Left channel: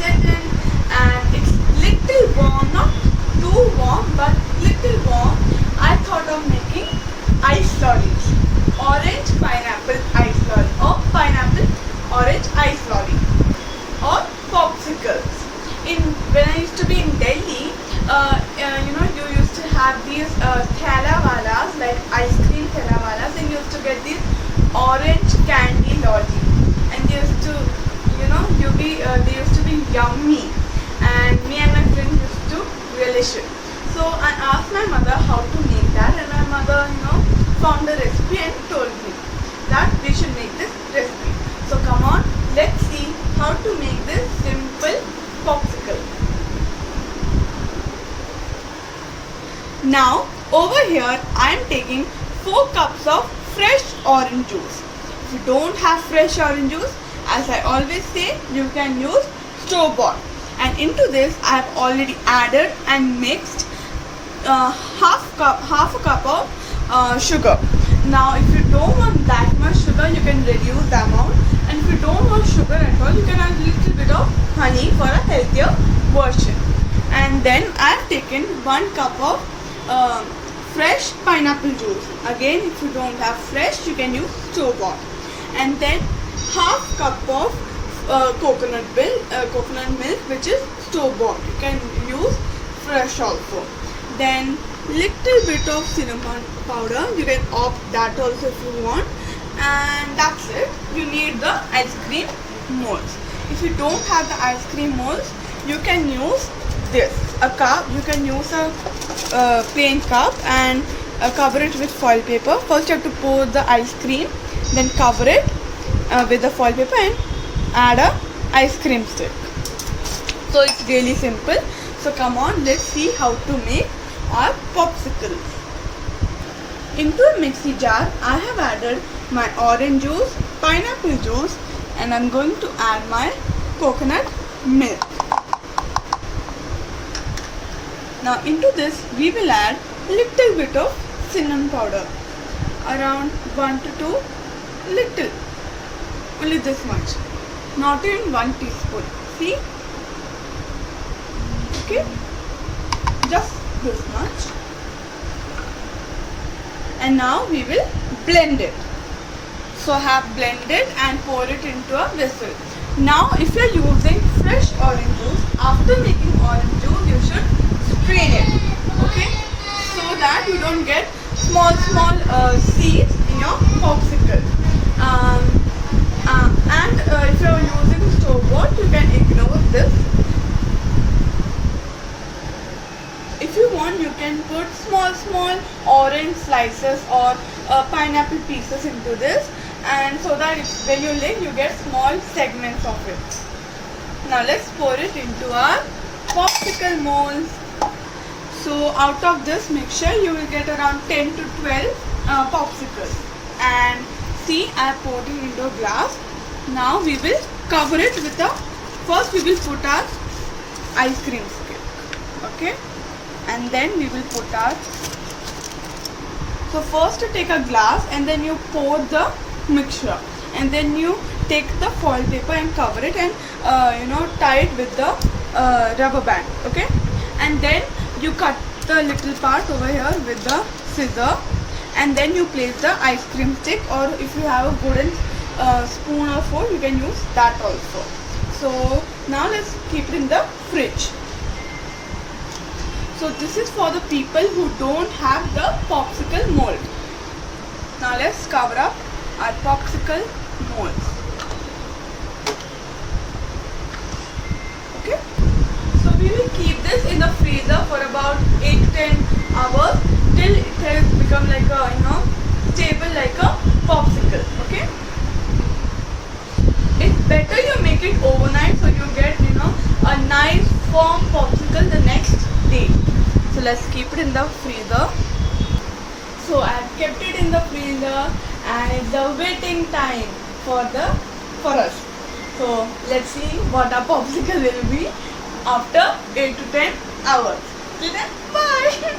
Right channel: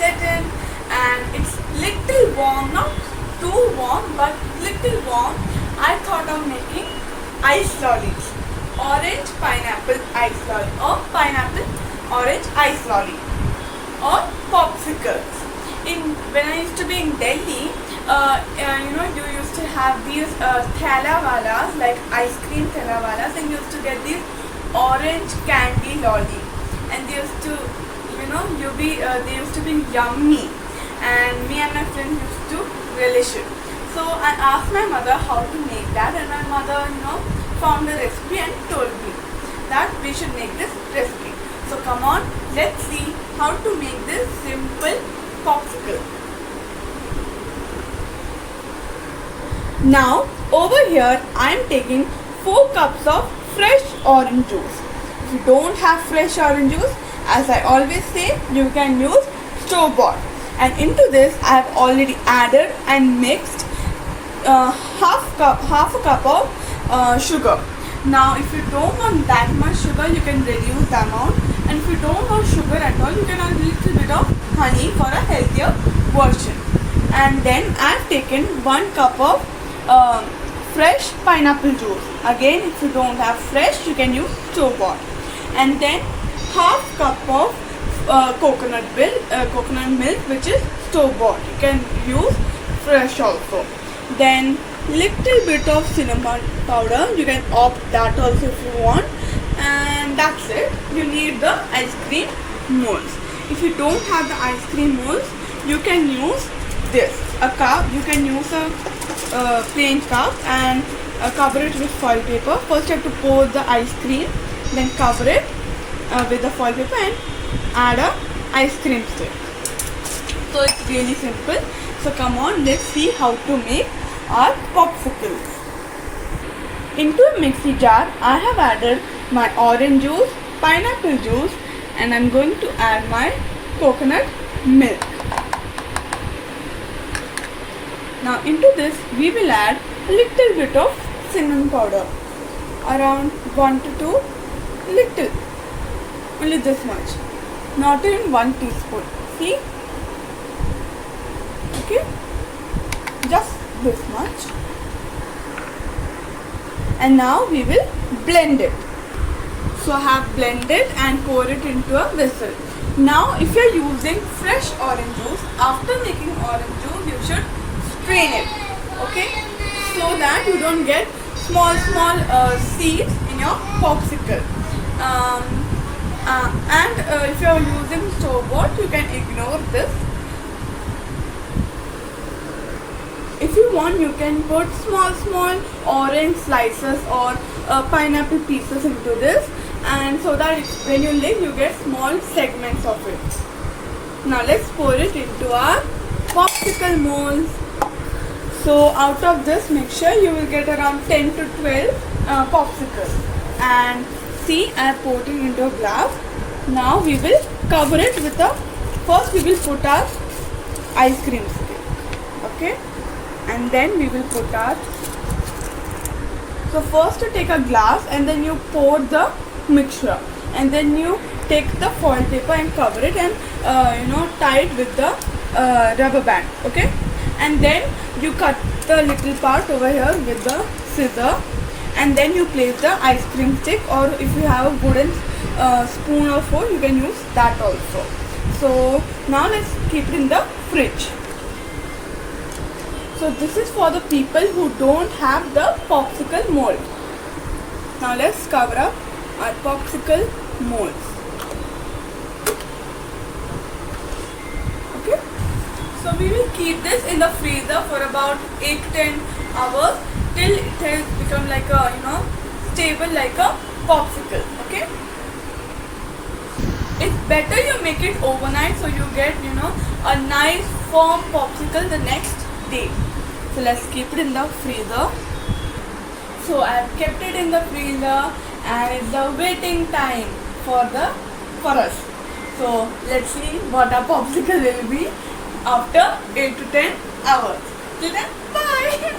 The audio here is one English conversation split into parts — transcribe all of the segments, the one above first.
set in, and it's little warm, not too warm but little warm. I thought of making ice lollies, orange pineapple ice lolly, or pineapple orange ice lolly, or popsicles. When I used to be in Delhi, you used to have these thalawalas, like ice cream thalawalas, and you used to get these orange candy lolly, and they used to, they used to be yummy, and me and my friends used to relish it. So I asked my mother how to make that, and my mother, found a recipe and told me that we should make this recipe. So come on, let's see how to make this simple popsicle. Now over here I am taking 4 cups of fresh orange juice. If you don't have fresh orange juice, as I always say, you can use store bought. And into this I have already added and mixed half a cup of sugar. Now if you don't want that much sugar, you can reduce the amount, and if you don't want sugar at all, you can add a little bit of honey for a healthier version. And then I have taken 1 cup of fresh pineapple juice. Again, if you don't have fresh, you can use store bought. And then half cup of coconut milk, which is store bought. You can use fresh also. Then little bit of cinnamon powder, you can opt that also if you want, and that's it. You need the ice cream molds. If you don't have the ice cream molds, you can use this, a cup. You can use a plain cup and cover it with foil paper. First you have to pour the ice cream, then cover it with the foil paper and add a ice cream stick. So it's really simple. So come on, let's see how to make our popsicles. Into a mixie jar, I have added my orange juice, pineapple juice, and I'm going to add my coconut milk. Now into this we will add a little bit of cinnamon powder, around 1 to 2, little, only this much, not even 1 teaspoon. See? Okay, just this much. And now we will blend it. So I have blended and pour it into a vessel. Now if you are using fresh orange juice, after making orange juice you should strain it, okay, so that you don't get small seeds in your popsicle. And if you are using store bought, you can ignore this. If you want, you can put small orange slices or pineapple pieces into this, and so that when you lick, you get small segments of it. Now let's pour it into our popsicle molds. So out of this, make sure you will get around 10 to 12 popsicles. And see, I have poured it into a glass. Now we will cover it with first we will put our ice cream stick, okay, and then we will put our, so first you take a glass and then you pour the mixture, and then you take the foil paper and cover it and tie it with the rubber band, okay, and then you cut the little part over here with the scissor, and then you place the ice cream stick, or if you have a wooden spoon or fork, you can use that also. So now let's keep it in the fridge. So this is for the people who don't have the popsicle mold. Now let's cover up our popsicle molds. Okay. So we will keep this in the freezer for about 8 to 10 hours till it has become like a, stable like a popsicle. Okay. It's better you make it overnight so you get, a nice firm popsicle the next day. So let's keep it in the freezer. So I have kept it in the freezer and it's the waiting time for us. So let's see what our popsicle will be after 8 to 10 hours. Till then, bye!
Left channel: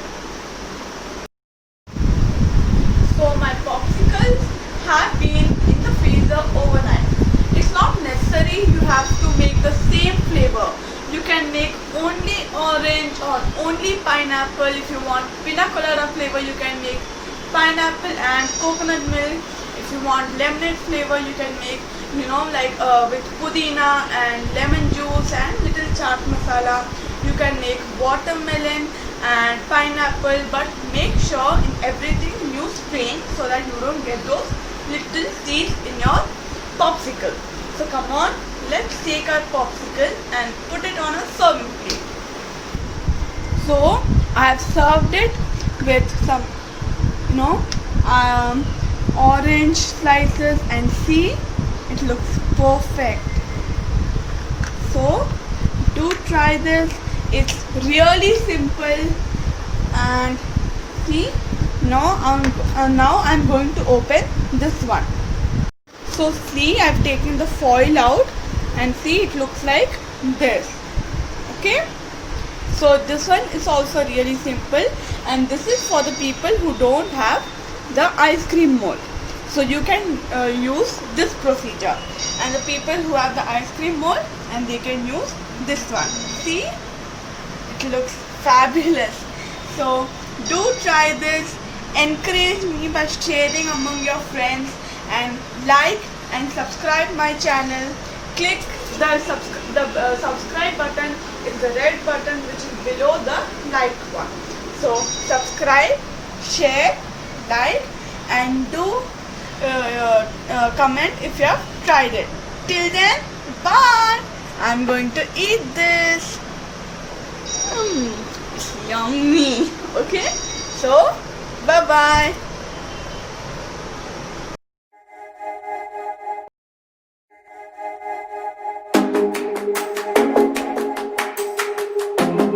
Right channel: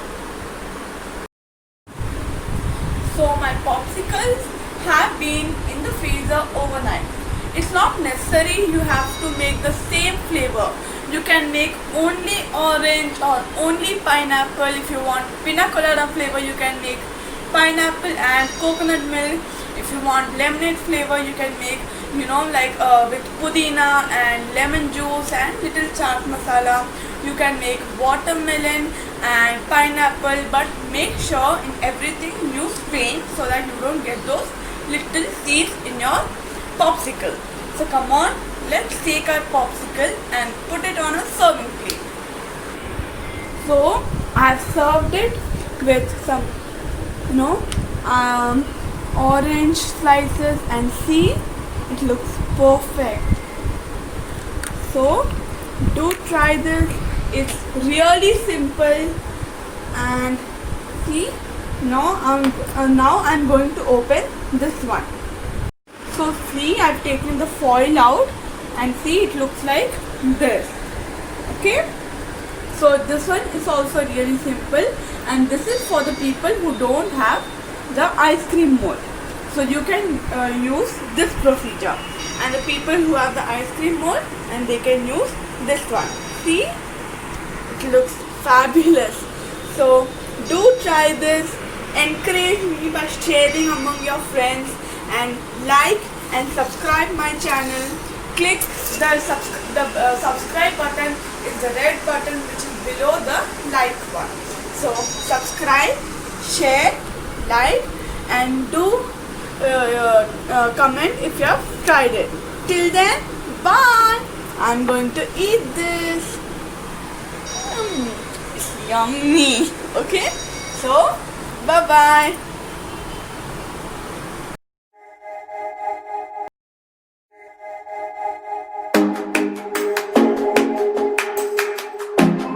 So my popsicles have been in the freezer overnight. It's not necessary see, you have to make the same flavor. You can make only orange or only pineapple. If you want pina colada flavor, you can make pineapple and coconut milk. If you want lemonade flavor, you can make, like with pudina and lemon juice and little chaat masala. You can make watermelon and pineapple, but make sure in everything use strain so that you don't get those little seeds in your popsicle. So come on, let's take our popsicle and put it on a serving plate. So I have served it with some, orange slices, and see, it looks perfect. So do try this. It's really simple. And see, now I'm going to open this one. So see, I've taken the foil out, and see, it looks like this. Okay, so this one is also really simple, and this is for the people who don't have the ice cream mold. So you can use this procedure, and the people who have the ice cream mold, and they can use this one. See, it looks fabulous. So do try this. Encourage me by sharing among your friends, and like and subscribe my channel. Click the subscribe button. It's the red button which is below the like one. So subscribe, share, like, and do comment if you have tried it. Till then, bye. I'm going to eat this. It's yummy. Okay, so bye bye.